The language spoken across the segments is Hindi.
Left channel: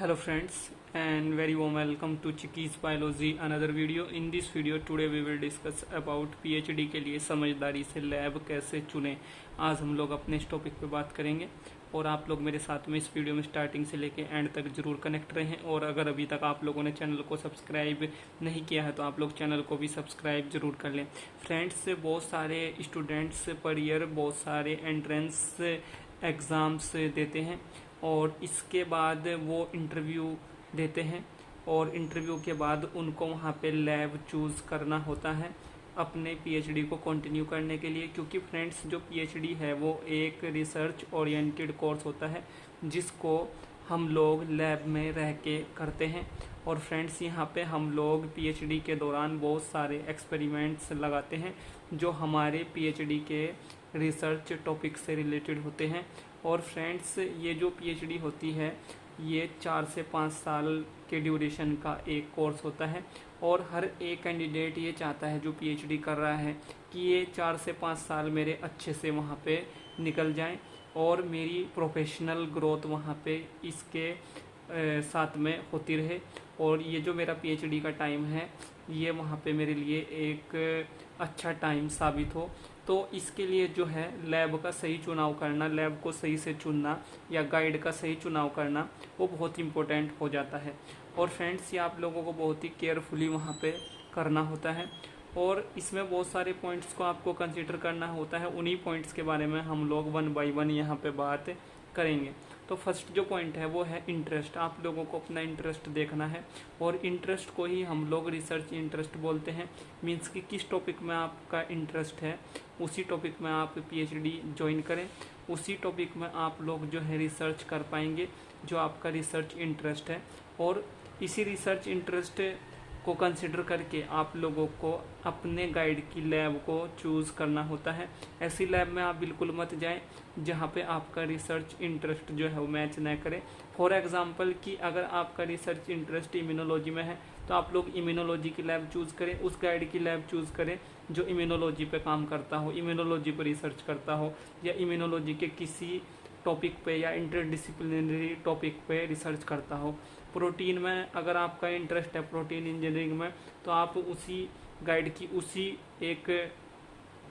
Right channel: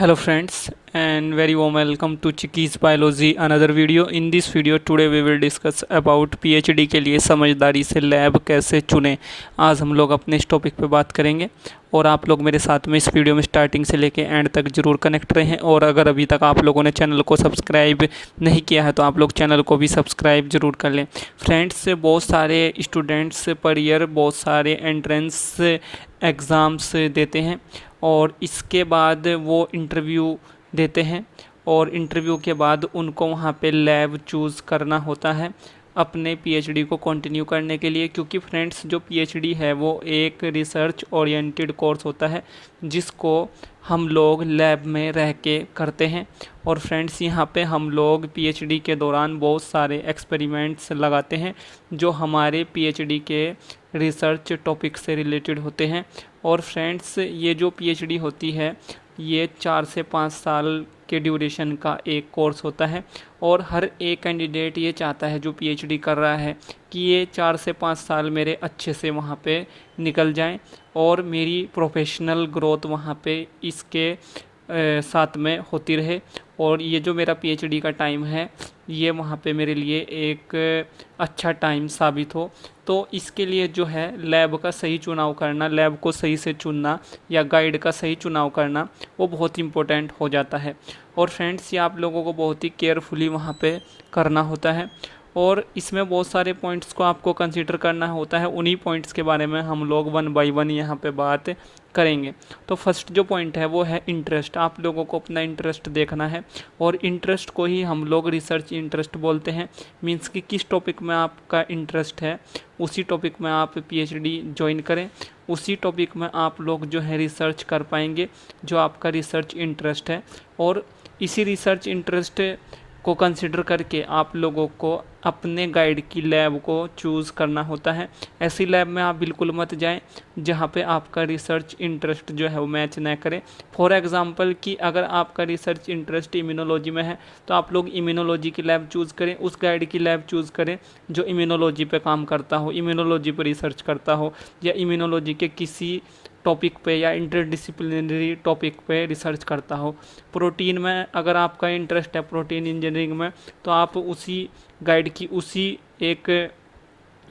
Hello friends and very warm welcome to Chickies Biology another video. In this video today we will discuss about PhD के लिए समझदारी से लैब कैसे चुनें। आज हम लोग अपने इस टॉपिक पे बात करेंगे और आप लोग मेरे साथ में इस वीडियो में स्टार्टिंग से लेके एंड तक ज़रूर कनेक्ट रहें। और अगर अभी तक आप लोगों ने चैनल को सब्सक्राइब नहीं किया है तो आप लोग चैनल को भी सब्सक्राइब ज़रूर कर लें। फ्रेंड्स, बहुत सारे स्टूडेंट्स पर ईयर बहुत सारे एंट्रेंस एग्ज़ाम्स देते हैं और इसके बाद वो इंटरव्यू देते हैं और इंटरव्यू के बाद उनको वहाँ पे लैब चूज़ करना होता है अपने पीएचडी को कंटिन्यू करने के लिए। क्योंकि फ्रेंड्स, जो पीएचडी है वो एक रिसर्च ओरिएंटेड कोर्स होता है जिसको हम लोग लैब में रह के करते हैं। और फ्रेंड्स, यहाँ पे हम लोग पीएचडी के दौरान बहुत सारे एक्सपेरिमेंट्स लगाते हैं जो हमारे पीएचडी के रिसर्च टॉपिक से रिलेटेड होते हैं। और फ्रेंड्स, ये जो पीएचडी होती है ये 4 से 5 साल के ड्यूरेशन का एक कोर्स होता है और हर एक कैंडिडेट ये चाहता है जो पीएचडी कर रहा है कि ये 4 से 5 साल मेरे अच्छे से वहाँ पे निकल जाएं और मेरी प्रोफेशनल ग्रोथ वहाँ पे इसके साथ में होती रहे। और ये जो मेरा पीएचडी का टाइम है ये वहाँ पे मेरे लिए एक अच्छा टाइम साबित हो। तो इसके लिए जो है लैब का सही चुनाव करना, लैब को सही से चुनना या गाइड का सही चुनाव करना वो बहुत इम्पोर्टेंट हो जाता है। और फ्रेंड्स, ये आप लोगों को बहुत ही केयरफुली वहाँ पे करना होता है और इसमें बहुत सारे पॉइंट्स को आपको कंसीडर करना होता है। उन्हीं पॉइंट्स के बारे में हम लोग 1 बाय 1 यहाँ पे बात करेंगे। तो फर्स्ट जो पॉइंट है वो है इंटरेस्ट। आप लोगों को अपना इंटरेस्ट देखना है और इंटरेस्ट को ही हम लोग रिसर्च इंटरेस्ट बोलते हैं। मीन्स कि किस टॉपिक में आपका इंटरेस्ट है उसी टॉपिक में आप पीएचडी ज्वाइन करें, उसी टॉपिक में आप लोग जो है रिसर्च कर पाएंगे जो आपका रिसर्च इंटरेस्ट है। और इसी रिसर्च इंटरेस्ट को कंसिडर करके आप लोगों को अपने गाइड की लैब को चूज़ करना होता है। ऐसी लैब में आप बिल्कुल मत जाएं जहां पे आपका रिसर्च इंटरेस्ट जो है वो मैच ना करे। फॉर एग्जांपल कि अगर आपका रिसर्च इंटरेस्ट इम्यूनोलॉजी में है तो आप लोग इम्यूनोलॉजी की लैब चूज़ करें, उस गाइड की लैब चूज़ करें जो इम्यूनोलॉजी पे काम करता हो, इम्यूनोलॉजी पर रिसर्च करता हो या इम्यूनोलॉजी के किसी टॉपिक पे या इंटरडिसिप्लिनरी टॉपिक पे रिसर्च करता हो। प्रोटीन में अगर आपका इंटरेस्ट है प्रोटीन इंजीनियरिंग में तो आप उसी गाइड की उसी एक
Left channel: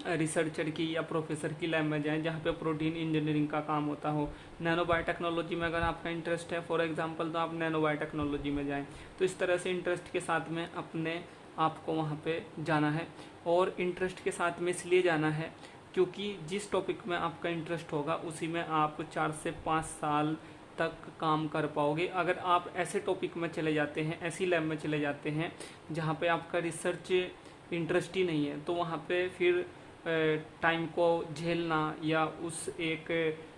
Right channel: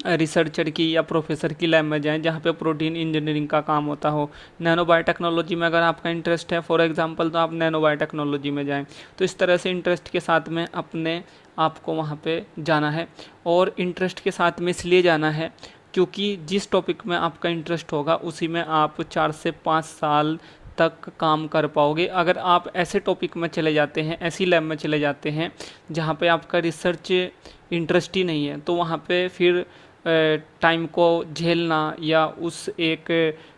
रिसर्चर की या प्रोफेसर की लैब में जाएं जहाँ पे प्रोटीन इंजीनियरिंग का काम होता हो। नैनो बायोटेक्नोलॉजी में अगर आपका इंटरेस्ट है फॉर एग्जांपल तो आप नैनो बायोटेक्नोलॉजी में जाएं। तो इस तरह से इंटरेस्ट के साथ में अपने आपको वहाँ पे जाना है। और इंटरेस्ट के साथ में इसलिए जाना है क्योंकि जिस टॉपिक में आपका इंटरेस्ट होगा उसी में आप 4 से 5 साल तक काम कर पाओगे। अगर आप ऐसे टॉपिक में चले जाते हैं, ऐसी लैब में चले जाते हैं जहाँ पे आपका रिसर्च इंटरेस्ट ही नहीं है तो वहाँ पे फिर टाइम को झेलना या उस एक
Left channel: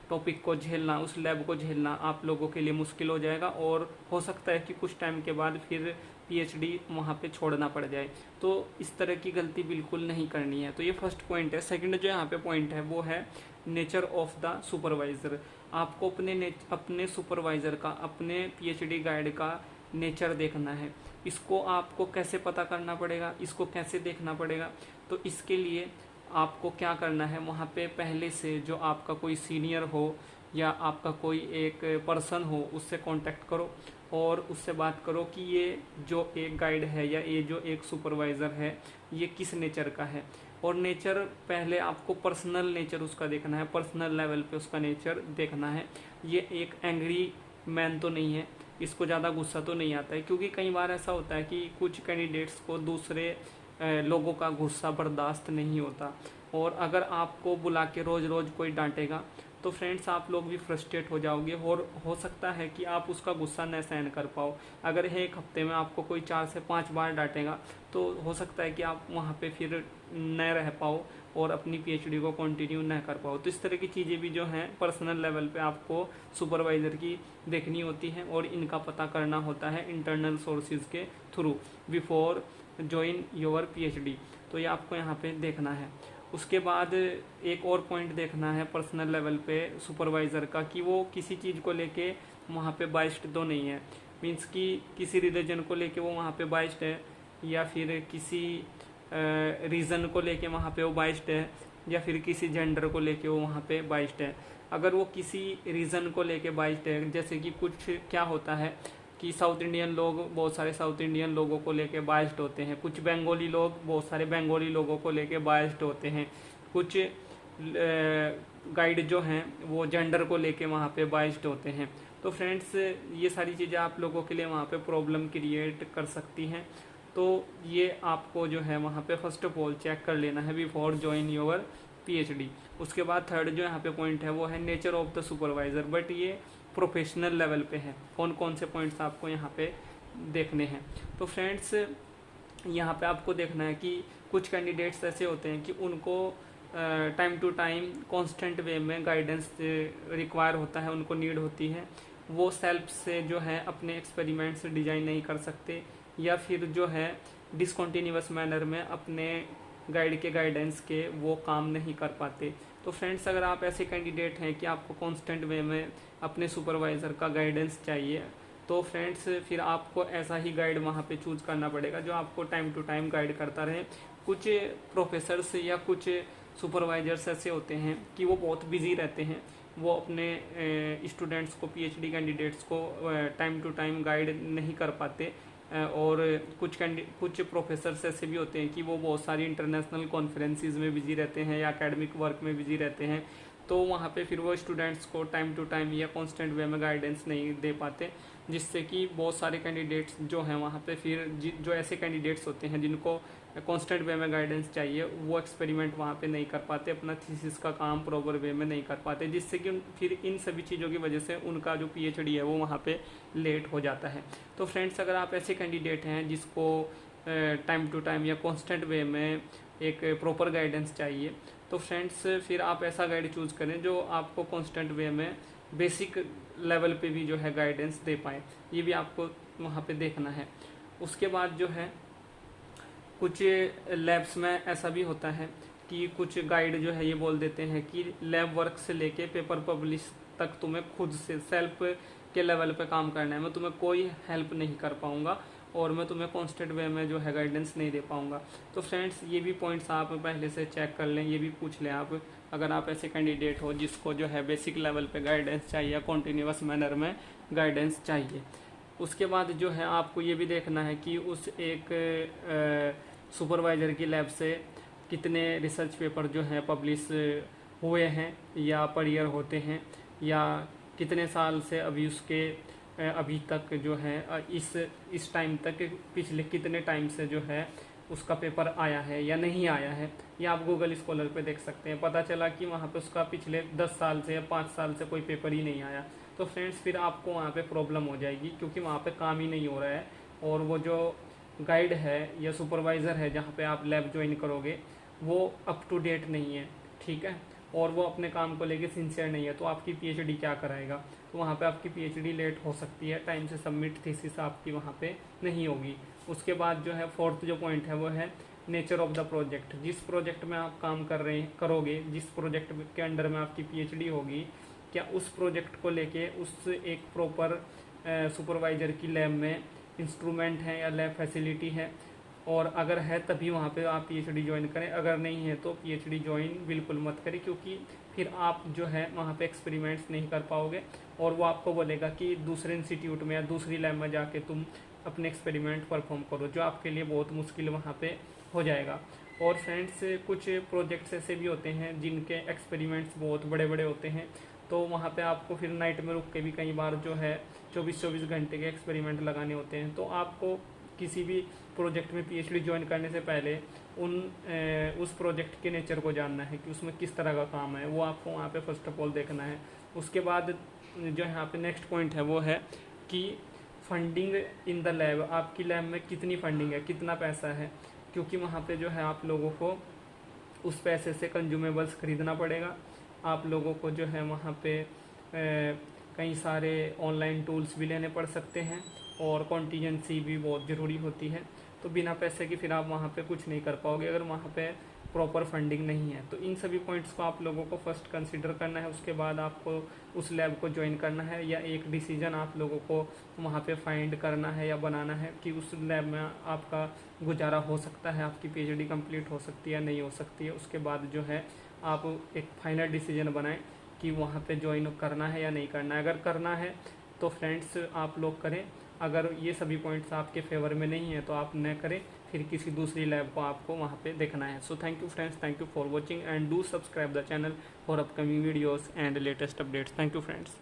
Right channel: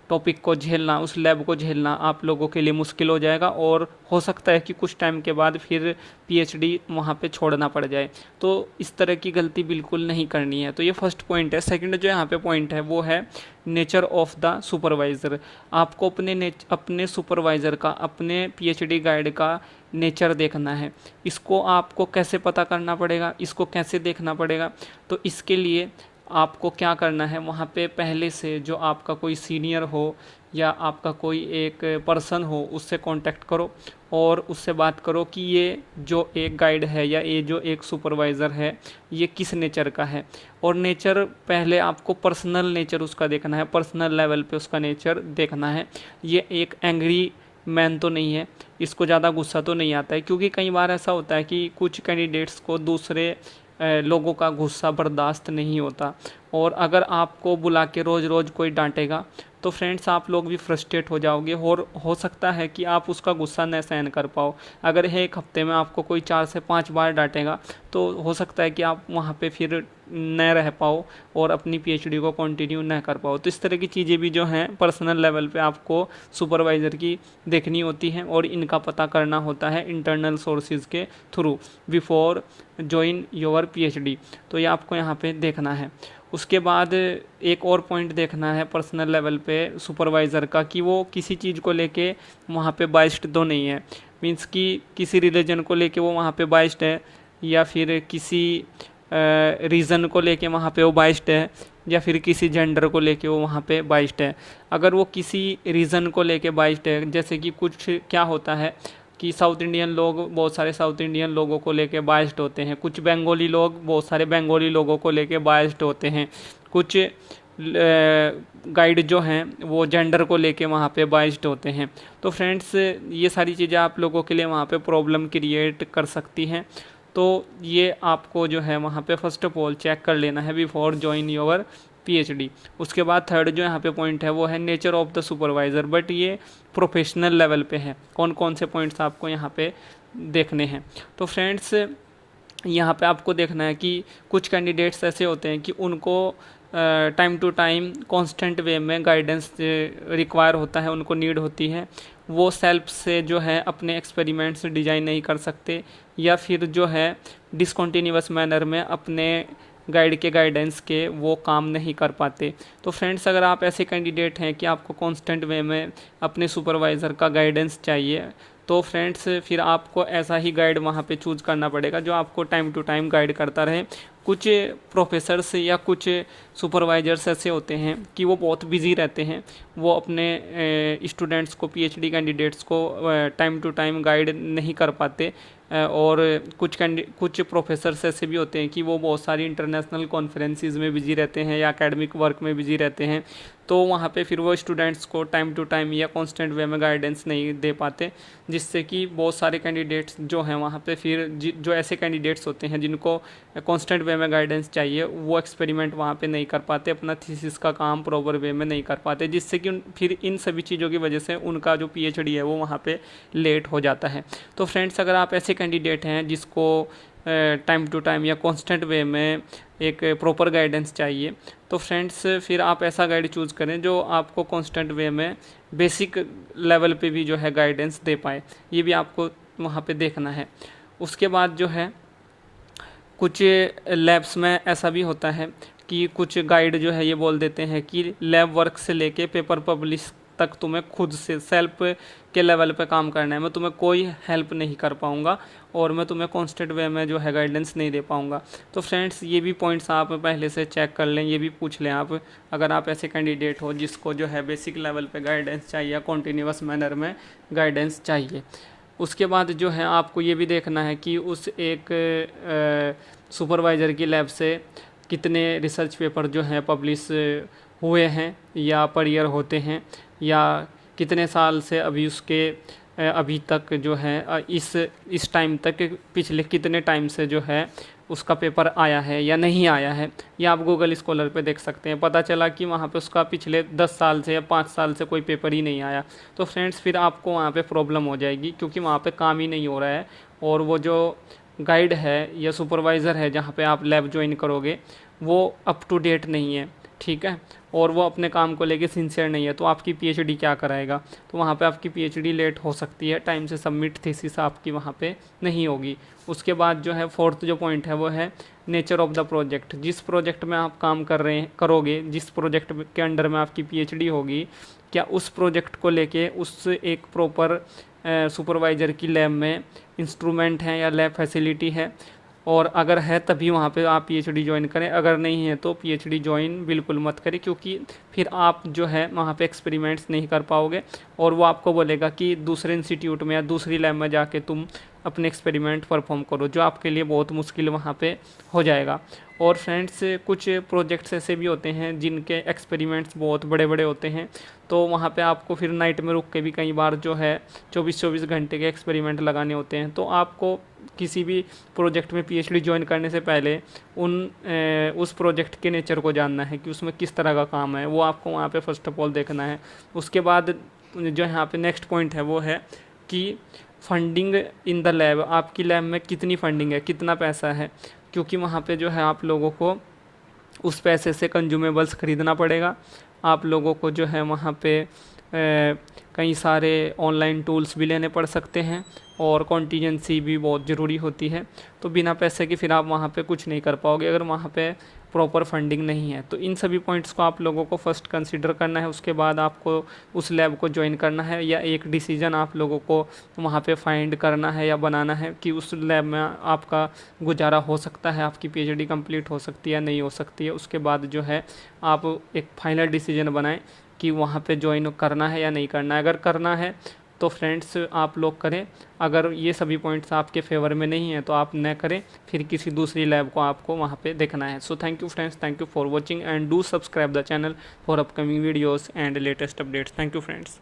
टॉपिक को झेलना, उस लैब को झेलना आप लोगों के लिए मुश्किल हो जाएगा और हो सकता है कि कुछ टाइम के बाद फिर पीएचडी वहाँ पे छोड़ना पड़ जाए। तो इस तरह की गलती बिल्कुल नहीं करनी है। तो ये फर्स्ट पॉइंट है। सेकंड जो यहाँ पे पॉइंट है वो है नेचर ऑफ द सुपरवाइज़र। आपको अपने सुपरवाइज़र का, अपने पीएचडी गाइड का नेचर देखना है। इसको आपको कैसे पता करना पड़ेगा, इसको कैसे देखना पड़ेगा? तो इसके लिए आपको क्या करना है, वहाँ पे पहले से जो आपका कोई सीनियर हो या आपका कोई एक पर्सन हो उससे कांटेक्ट करो और उससे बात करो कि ये जो एक गाइड है या ये जो एक सुपरवाइज़र है ये किस नेचर का है। और नेचर पहले आपको पर्सनल नेचर उसका देखना है, पर्सनल लेवल पे उसका नेचर देखना है। ये एक एंग्री मैन तो नहीं है, इसको ज़्यादा गुस्सा तो नहीं आता है। क्योंकि कई बार ऐसा होता है कि कुछ कैंडिडेट्स को दूसरे लोगों का गुस्सा बर्दाश्त नहीं होता और अगर आपको बुला के रोज़ रोज़ कोई डांटेगा तो फ्रेंड्स आप लोग भी फ्रस्ट्रेट हो जाओगे और हो सकता है कि आप उसका गुस्सा न सहन कर पाओ। अगर एक हफ्ते में आपको कोई 4 से 5 बार डांटेगा तो हो सकता है कि आप वहाँ पे फिर न रह पाओ और अपनी पीएचडी को कंटिन्यू न कर पाओ। तो इस तरह की चीज़ें भी जो हैं पर्सनल लेवल पे आपको सुपरवाइज़र की देखनी होती हैं और इनका पता करना होता है इंटरनल सोर्सेज के through before join your PhD. तो ये आपको यहाँ पे देखना है। उसके बाद एक और पॉइंट देखना है पर्सनल लेवल पे सुपरवाइज़र का कि वो किसी चीज़ को लेके वहाँ पे बाइस्ड तो नहीं है। मीन्स कि किसी रिलीजन को लेके वो वहाँ पे बाइस्ड है या फिर किसी रीज़न को लेके वहाँ पे वो बाइस्ड है या फिर किसी जेंडर को लेके वो वहाँ पे बाइस्ड है। अगर वो किसी रीज़न को लेके बाइस्ड है, जैसे कि कुछ क्या होता है कि साउथ इंडियन लोग बहुत सारे साउथ इंडियन लोगों को लेके बायस्ड होते हैं, कुछ बंगाली लोग बहुत सारे बंगाली लोगों को लेके बायस्ड होते हैं, कुछ गाइड जो हैं वो जेंडर को लेके वहाँ पे बायस्ड होते हैं। तो फ्रेंड्स ये सारी चीज़ें आप लोगों के लिए वहाँ पे प्रॉब्लम क्रिएट कर सकती हैं। तो ये आपको जो है वहाँ पे फर्स्ट ऑफ ऑल चेक कर लेना है बिफोर ज्वाइन योर पीएचडी। उसके बाद थर्ड जो यहाँ पे पॉइंट है वो है nature of the supervisor, but ये प्रोफेशनल लेवल पे है। कौन कौन से पॉइंट्स आपको यहाँ पे देखने हैं। तो फ्रेंड्स यहाँ पे आपको देखना है कि कुछ कैंडिडेट्स ऐसे होते हैं कि उनको टाइम टू टाइम कांस्टेंट वे में गाइडेंस रिक्वायर होता है, उनको नीड होती है। वो सेल्फ से जो है अपने एक्सपेरिमेंट्स डिज़ाइन नहीं कर सकते, या फिर जो है डिसकंटिन्यूअस मैनर में अपने गाइड के गाइडेंस के वो काम नहीं कर पाते। तो फ्रेंड्स अगर आप ऐसे कैंडिडेट हैं कि आपको कांस्टेंट वे में अपने सुपरवाइज़र का गाइडेंस चाहिए, तो फ्रेंड्स फिर आपको ऐसा ही गाइड वहाँ पे चूज़ करना पड़ेगा जो आपको टाइम टू टाइम गाइड करता रहे। कुछ प्रोफेसर्स या कुछ सुपरवाइजर्स ऐसे होते हैं कि वो बहुत बिजी रहते हैं, वो अपने स्टूडेंट्स को, पीएचडी कैंडिडेट्स को टाइम टू टाइम गाइड नहीं कर पाते। और कुछ प्रोफेसर्स ऐसे भी होते हैं कि वो बहुत सारी इंटरनेशनल कॉन्फ्रेंसेस में बिजी रहते हैं या एकेडमिक वर्क में बिजी रहते हैं। तो वहाँ पे फिर वो स्टूडेंट्स को टाइम टू टाइम या कांस्टेंट वे में गाइडेंस नहीं दे पाते, जिससे कि बहुत सारे कैंडिडेट्स जो हैं वहाँ पे फिर जो ऐसे कैंडिडेट्स होते हैं जिनको कांस्टेंट वे में गाइडेंस चाहिए, वो एक्सपेरिमेंट वहाँ पे नहीं कर पाते, अपना थीसिस का काम प्रॉपर वे में नहीं कर पाते, जिससे कि फिर इन सभी चीज़ों की वजह से उनका जो पीएचडी है वो वहाँ पे लेट हो जाता है। तो फ्रेंड्स अगर आप ऐसे कैंडिडेट हैं जिसको टाइम टू टाइम या कांस्टेंट वे में एक प्रॉपर गाइडेंस चाहिए, तो फ्रेंड्स फिर आप ऐसा गाइड चूज़ करें जो आपको कांस्टेंट वे में बेसिक लेवल पे भी जो है गाइडेंस दे पाए। ये भी आपको वहाँ पे देखना है। उसके बाद जो है कुछ लैब्स में ऐसा भी होता है कि कुछ गाइड जो है ये बोल देते हैं कि लैब वर्क से लेके पेपर पब्लिश तक तुम्हें खुद से सेल्फ के लेवल पे काम करना है, मैं तुम्हें कोई हेल्प नहीं कर पाऊँगा और मैं तुम्हें कांस्टेंट वे में जो है गाइडेंस नहीं दे पाऊँगा। तो फ्रेंड्स ये भी पॉइंट्स आप पहले से चेक कर लें, ये भी पूछ लें आप, अगर आप ऐसे कैंडिडेट हो जिसको जो है बेसिक लेवल पे गाइडेंस चाहिए, कॉन्टीन्यूअस मैनर में गाइडेंस चाहिए। उसके बाद जो है आपको ये भी देखना है कि उस एक सुपरवाइज़र की लैब से कितने रिसर्च पेपर जो हैं पब्लिश हुए हैं या पर ईयर होते हैं, या कितने साल से अभी उसके अभी तक जो है इस टाइम तक पिछले कितने टाइम से जो है उसका पेपर आया है या नहीं आया है। या आप गूगल स्कॉलर पे देख सकते हैं, पता चला कि वहाँ पे उसका पिछले 10 साल से या 5 साल से कोई पेपर ही नहीं आया, तो फ्रेंड्स फिर आपको वहाँ पे प्रॉब्लम हो जाएगी, क्योंकि वहाँ पे काम ही नहीं हो रहा है और वो जो गाइड है या सुपरवाइज़र है जहाँ पे आप लैब ज्वाइन करोगे वो अप टू डेट नहीं है, ठीक है, और वो अपने काम को लेके सिंसियर नहीं है, तो आपकी पीएचडी क्या कराएगा। तो वहाँ पे आपकी पीएचडी लेट हो सकती है, टाइम से सबमिट थीसिस आपकी वहाँ पे नहीं होगी। उसके बाद जो है फोर्थ जो पॉइंट है वो है नेचर ऑफ द प्रोजेक्ट। जिस प्रोजेक्ट में आप काम करोगे, जिस प्रोजेक्ट के अंडर में आपकी पीएचडी होगी, क्या उस प्रोजेक्ट को लेके उस एक प्रॉपर सुपरवाइज़र की लैब में इंस्ट्रूमेंट हैं या लैब फैसिलिटी है, और अगर है तभी वहाँ पे आप पीएचडी ज्वाइन करें, अगर नहीं है तो पीएचडी ज्वाइन बिल्कुल मत करें, क्योंकि फिर आप जो है वहाँ पे एक्सपेरिमेंट्स नहीं कर पाओगे और वो आपको बोलेगा कि दूसरे इंस्टीट्यूट में या दूसरी लैब में जाके तुम अपने एक्सपेरिमेंट परफॉर्म करो, जो आपके लिए बहुत मुश्किल वहाँ पे हो जाएगा। और फ्रेंड्स कुछ प्रोजेक्ट्स ऐसे भी होते हैं जिनके एक्सपेरिमेंट्स बहुत बड़े बड़े होते हैं, तो वहाँ पे आपको फिर नाइट में रुक के भी कई बार जो है 24-24 घंटे के एक्सपेरिमेंट लगाने होते हैं। तो आपको किसी भी प्रोजेक्ट में पीएचडी ज्वाइन करने से पहले उस प्रोजेक्ट के नेचर को जानना है कि उसमें किस तरह का काम है, वो आपको वहाँ पे फर्स्ट ऑफ ऑल देखना है। उसके बाद जो यहाँ पे नेक्स्ट पॉइंट है वो है कि फंडिंग इन द लैब, आपकी लैब में कितनी फंडिंग है, कितना पैसा है, क्योंकि वहाँ पे जो है आप लोगों को उस पैसे से कंज्यूमेबल्स ख़रीदना पड़ेगा। आप लोगों को जो है वहाँ पे कई सारे ऑनलाइन टूल्स भी लेने पड़ सकते हैं और कॉन्टीजेंसी भी बहुत ज़रूरी होती है। तो बिना पैसे के फिर आप वहाँ पे कुछ नहीं कर पाओगे अगर वहाँ पे प्रॉपर फंडिंग नहीं है। तो इन सभी पॉइंट्स को आप लोगों को फर्स्ट कंसीडर करना है, उसके बाद आपको उस लैब को ज्वाइन करना है, या एक डिसीजन आप लोगों को वहाँ पे फाइंड करना है या बनाना है कि उस लैब में आपका गुजारा हो सकता है, आपकी पीएचडी कंप्लीट हो सकती है या नहीं हो सकती है। उसके बाद जो है आप एक फाइनल डिसीजन बनाएं कि वहाँ पे ज्वाइन करना है या नहीं करना है। अगर करना है तो फ्रेंड्स आप लोग करें। अगर ये सभी पॉइंट्स आपके फेवर में नहीं है तो आप न करें, फिर किसी दूसरी लैब को आपको वहाँ पे देखना है। So thank you friends, thank you for watching and do subscribe the channel for upcoming videos and latest updates. Thank you friends.